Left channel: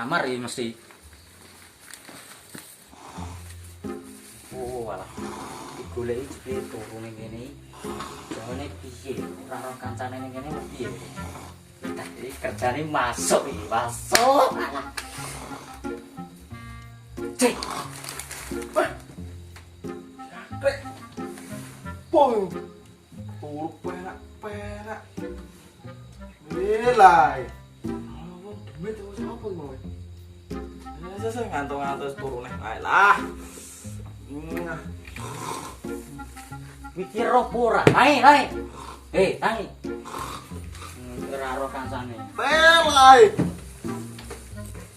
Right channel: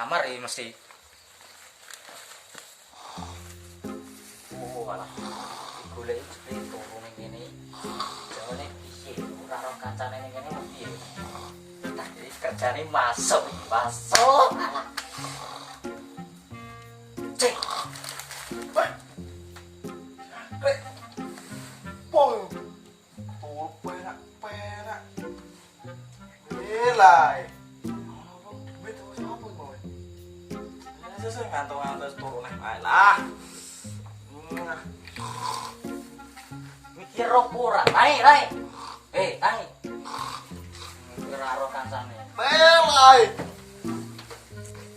kamar iki mesti. Oh, alah. Digoleki jebule turu ning kene. Jane piye ora ora kancane ning kene piye. Iki kerjane masuk iki, masuk. Alah. Cek. Pung. Turu penak. Nilai. Oh, duit tuh siapa iki mau? Saya ngantuk-ngantuk turu nih. Alah. Mikir ora. Naik. Naik. Ora ora kancane. Pelai.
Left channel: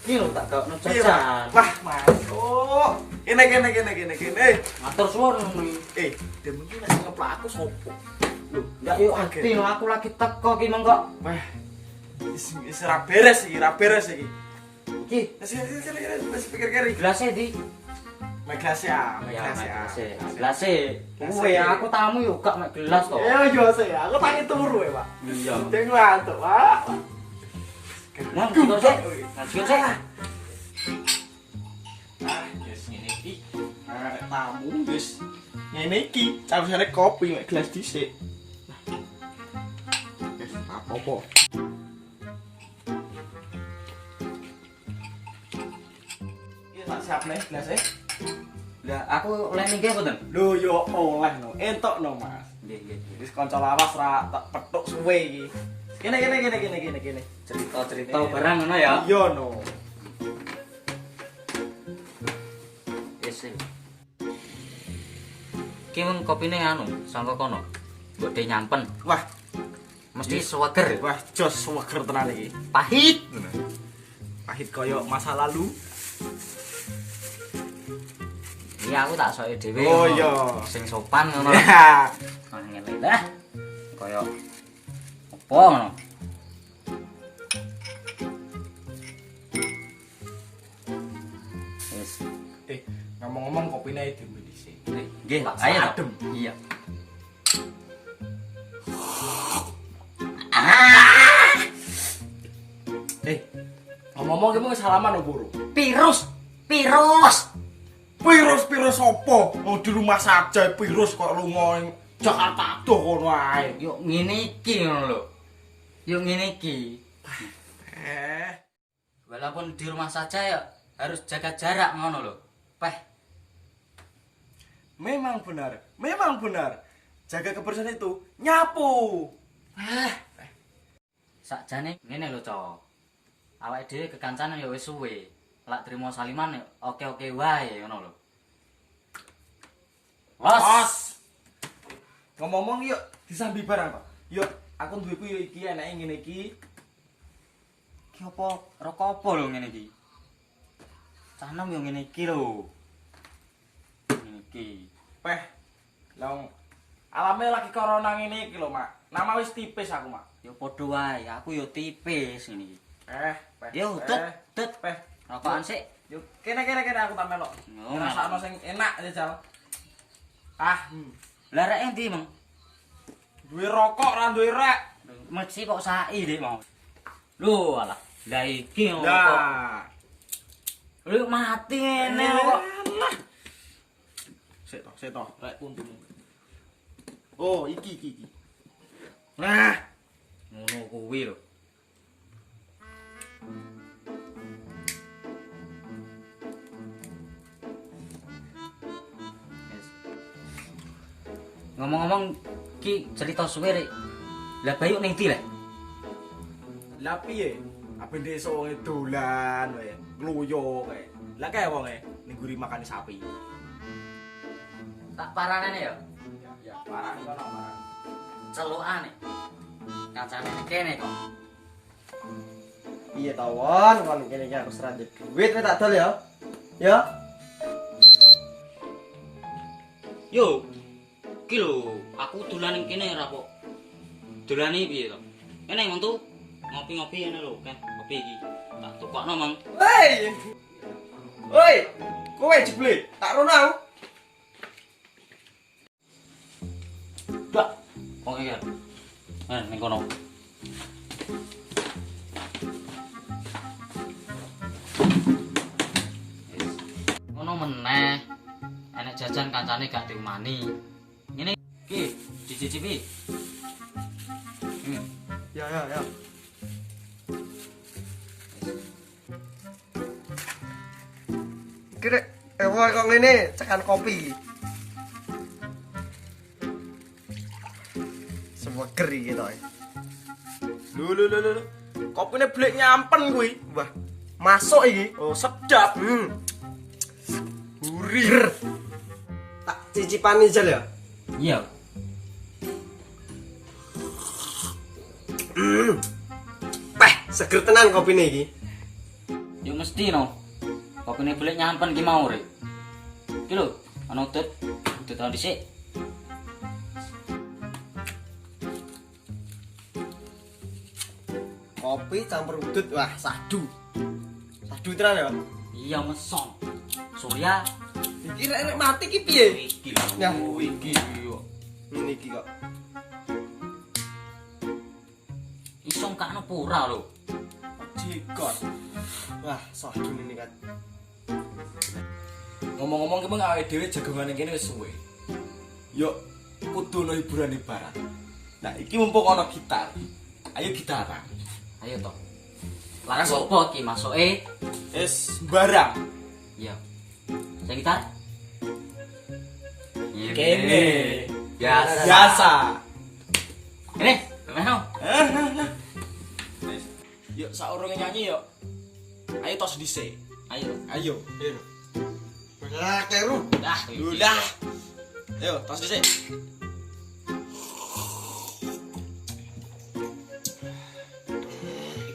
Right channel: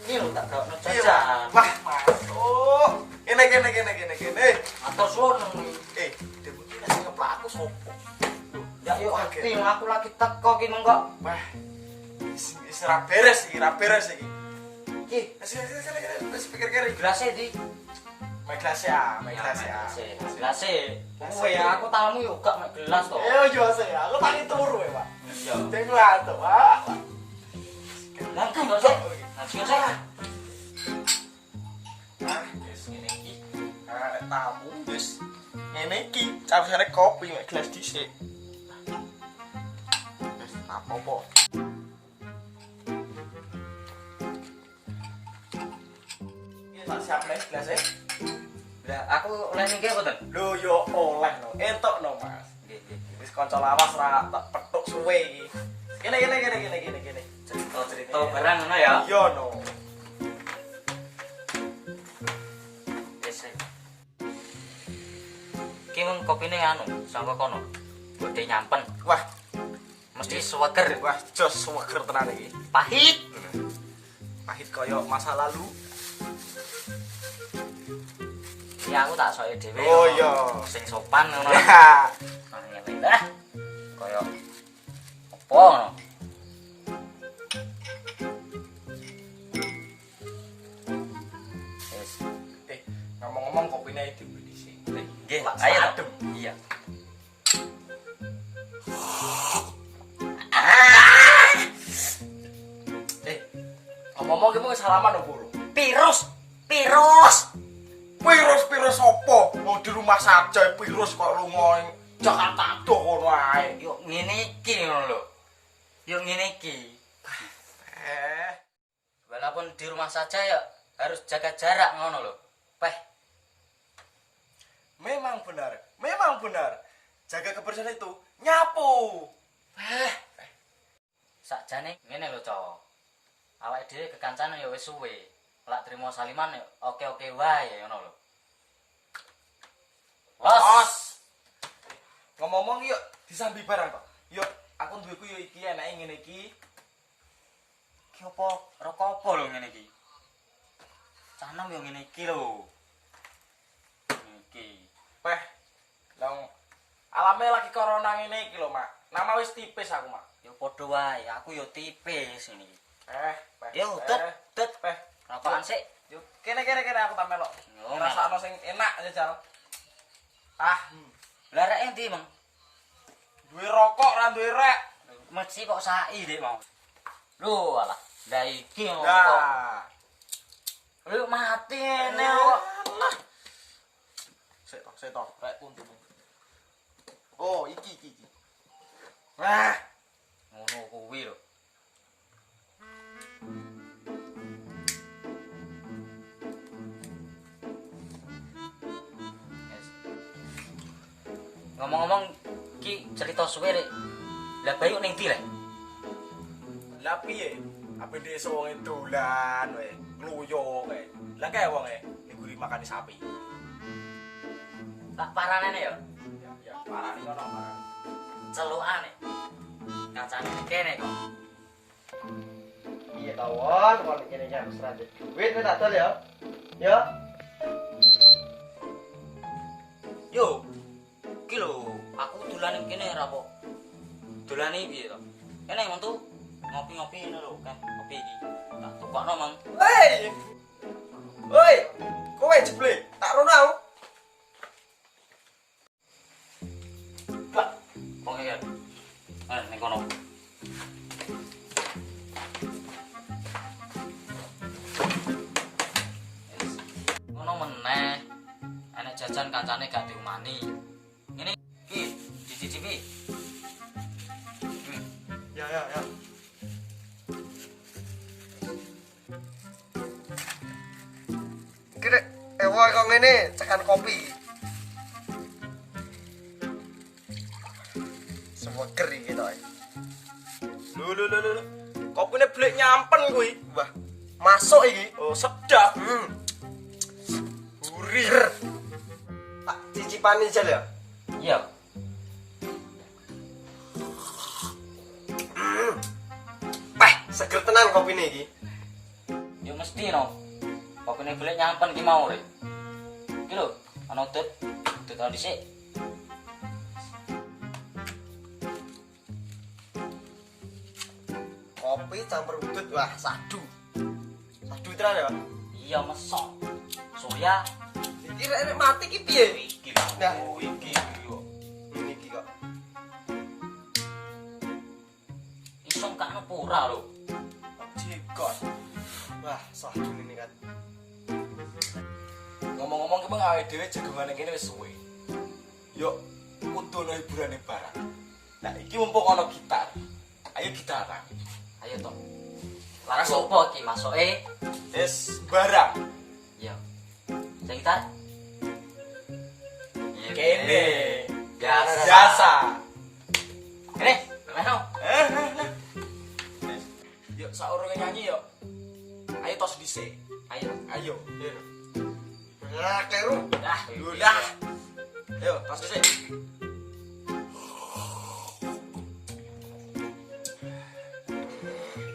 Iki lho tak gawno jajan. Wah, masuk. Kene. Matur suwun. Dia mungkin nek ngeplak aku sopo. Loh, Ya yo ati aku lagi teko ki mengko. wah. Wis ra beres iki. Iki Wis pikir kiri. gelasnya di. Mek gelas ya. Gelasnya. Kowe aku tamu yo gak mek gelas to. Yo sih, aku tangi turu ya, Pak. Iya. Deng ngantuk, Pak. Nang kok sih? Ngasih saya. Yes ngene iki. Tamu wis ngene iki, carane kopi mek gelas dhisik. Wis apa-apa. Iki tak siap nek gelas e. Lah aku oleh niki apa ten? Lho yo oleh no, entuk no, Mas. Nggih. Wis kanca lawas ra tak petuk suwe iki. Kene. Cerita barang ngono ya. Iya no. Wis. Ki mung kopine anu, sangka kono. Mbok de nyampen. Wah, Mesti seger. wah jos seger tenan iki. Pahit. Pahit koyo masa lalu. Iya aku tak soke dhewe. Oh, ngono. iya. Sing sopan ngono. Ya. Ngene dah. Kaya apa ngono. Wis. Ngomong-ngomong kopine dhewe dhisik. Nggih, Tak ayo adem. Iya. Ngomong-ngomong ki mung salaman opo, Bro? Virus. Virus opo? Mau di rumah saja virus kok lunga Jakarta adoh kono ae. Yo ngene iki ngono lho. Yo ngene iki. Walaupun di rumah saja ya harus jaga jarak ngono lho. Memang benar. Jaga kebersihan itu nyapu. Sakjane ngene lho, Cok. Awake dhewe kekancanan ya wis suwe. Lak trimo saliman ya oke-oke wae ngono lho. Bos. Ngomong-ngomong yuk disambi barang kok. Yuk, aku duweku yo iki enake ngene iki. Ki apa rokok apa lho ngene iki? Canem yo ngene iki lho. Ngene iki. Long alame lagi corona ngene iki lho, Mak. Nama wis tipis aku, Mak. Yo padha wae, aku yo tipis ngene iki. Yo, tut. Peh. Rokokan sik. Yuk, kene aku tak melok. Oh, Rasakno sing enak jajal. Lah rek endi, Mang? Duwe rokok ra duwe rek. Mesti kok sai dik mau. Lho alah, lah iki ngono kok. Lah. Lho mati ngene kok. Alah. Sik toh, rek untung. Oh, iki. Nah, Ngono kuwi lho. Ngomong-ngomong ki cerita suwe rek. Lah Bayu ning ndi lek? lah piye? Apa desa wong dolan wae, ngluyo kae. Lah kae wonge ning guri makani sapi. Tak paranane ya. Ya, parah nih kono, parah. Celukane. Kacane kene kok. Iya tawon, kalau kene iki harus lanjut duit kowe tak dol ya. Ya. Yo. Ki lho, aku dolan ning kene ora kok. Dolane piye to? Kene mantu ngopi-ngopi ngene lho, kan. Kopi iki. Tak tukokno, Mang. Woi, kowe jeble, tak rono aku. Dak. Kok iki. Ning kono. senajan kancane gak diumani. Ngene iki dicicipi. Ya. Kira kok ngene cekan kopi. Semua keri gitu. Lho. Kopine blek nyampen kuwi. Wah, masuk iki. Oh, sedap. Gurih. Tak cicipani jal ya. Iya. Seger tenan kopine iki. Yo mesti no. Kopine golek nyampen ki mau rek. Iki lho, ana udut dhisik. Kopi campur udut, wah sadu. Sadu tenan ya. Iya mesok. Surya Iki rek mati ki piye? iki lho. Ya. Iki yo. Ngene iki kok. Iso kakno pura lho. Jikot. Wah, sadu ini kan. Ngomong-ngomong ki meng awake dhewe jagongane kene wis suwe. Yo kudu ono hiburane barat. Nah, iki mumpung ana gitar. Ayo gitaran. Ayo to. Langsung apa iki masuke? Wis barang. Iya. Saya gitar. Kene. Biasa. Biasa. Ini, memang. Wis. Yuk saurunge nyanyi yuk. Ayo tos dhisik. Ayo. Ayo. Nah, keru. Dah, Udah. Ayo tos dhisik.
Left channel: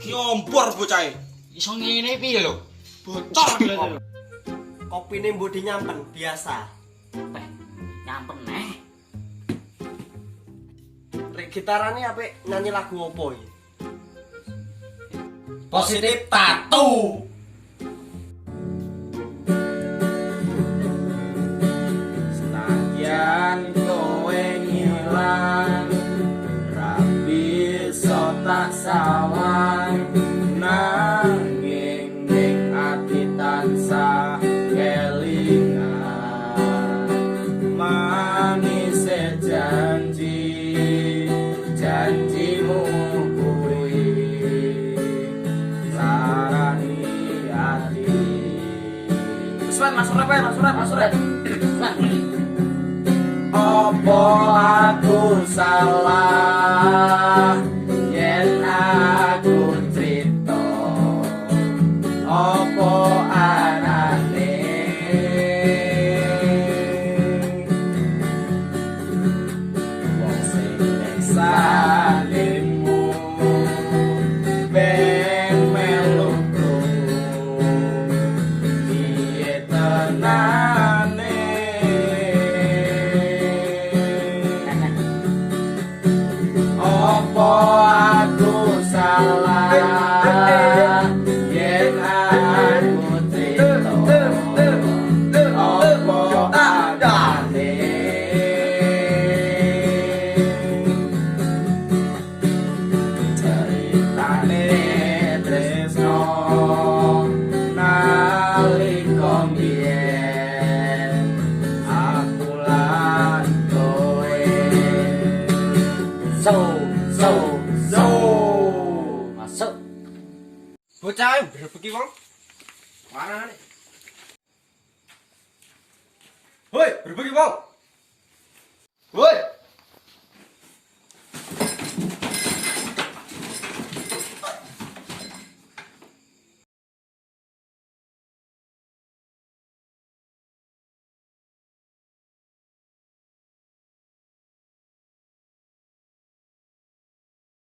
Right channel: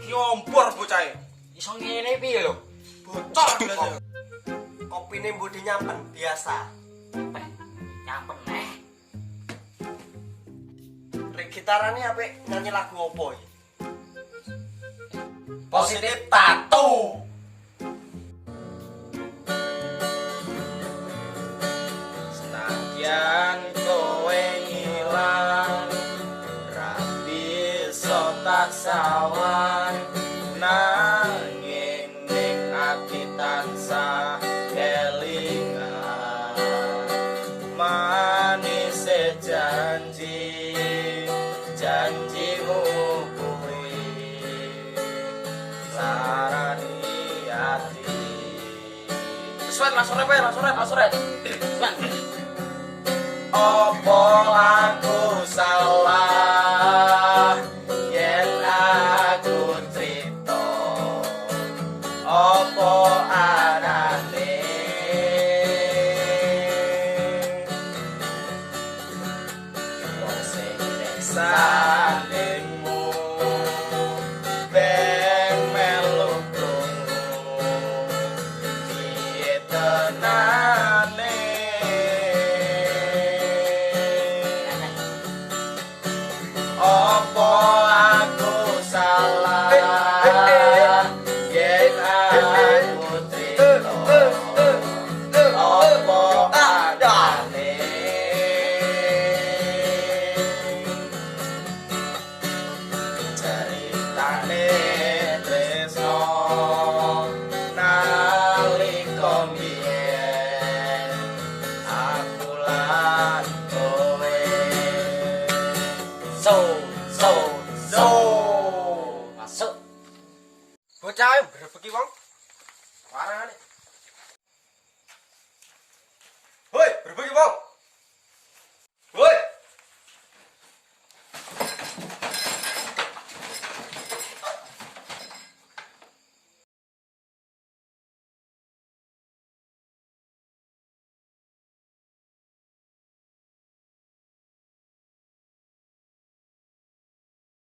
Iki ompor bocahe. Iso ngene piye lho? Bocor lho. Kopine mbok nyampen biasa. Peh, nyampen neh. Rek gitarane apik nyanyi lagu opo iki? Positif tattoo. Senajan kowe ngilang, ra bisa tak sawang, nanging ning ati tansah kelingan. Manis janjimu kuwi sarani ati. Mas Surat. Opo aku salah yen aku crito, opo anane wong sing salingmu ben melukku piye tenane. Opo aku salah yen aku crito, opo adane ceritane tresno nalika mbiyen aku lan kowe. Masuk. Bocah brebeki wong. Warane. Hoi, brebeki wong.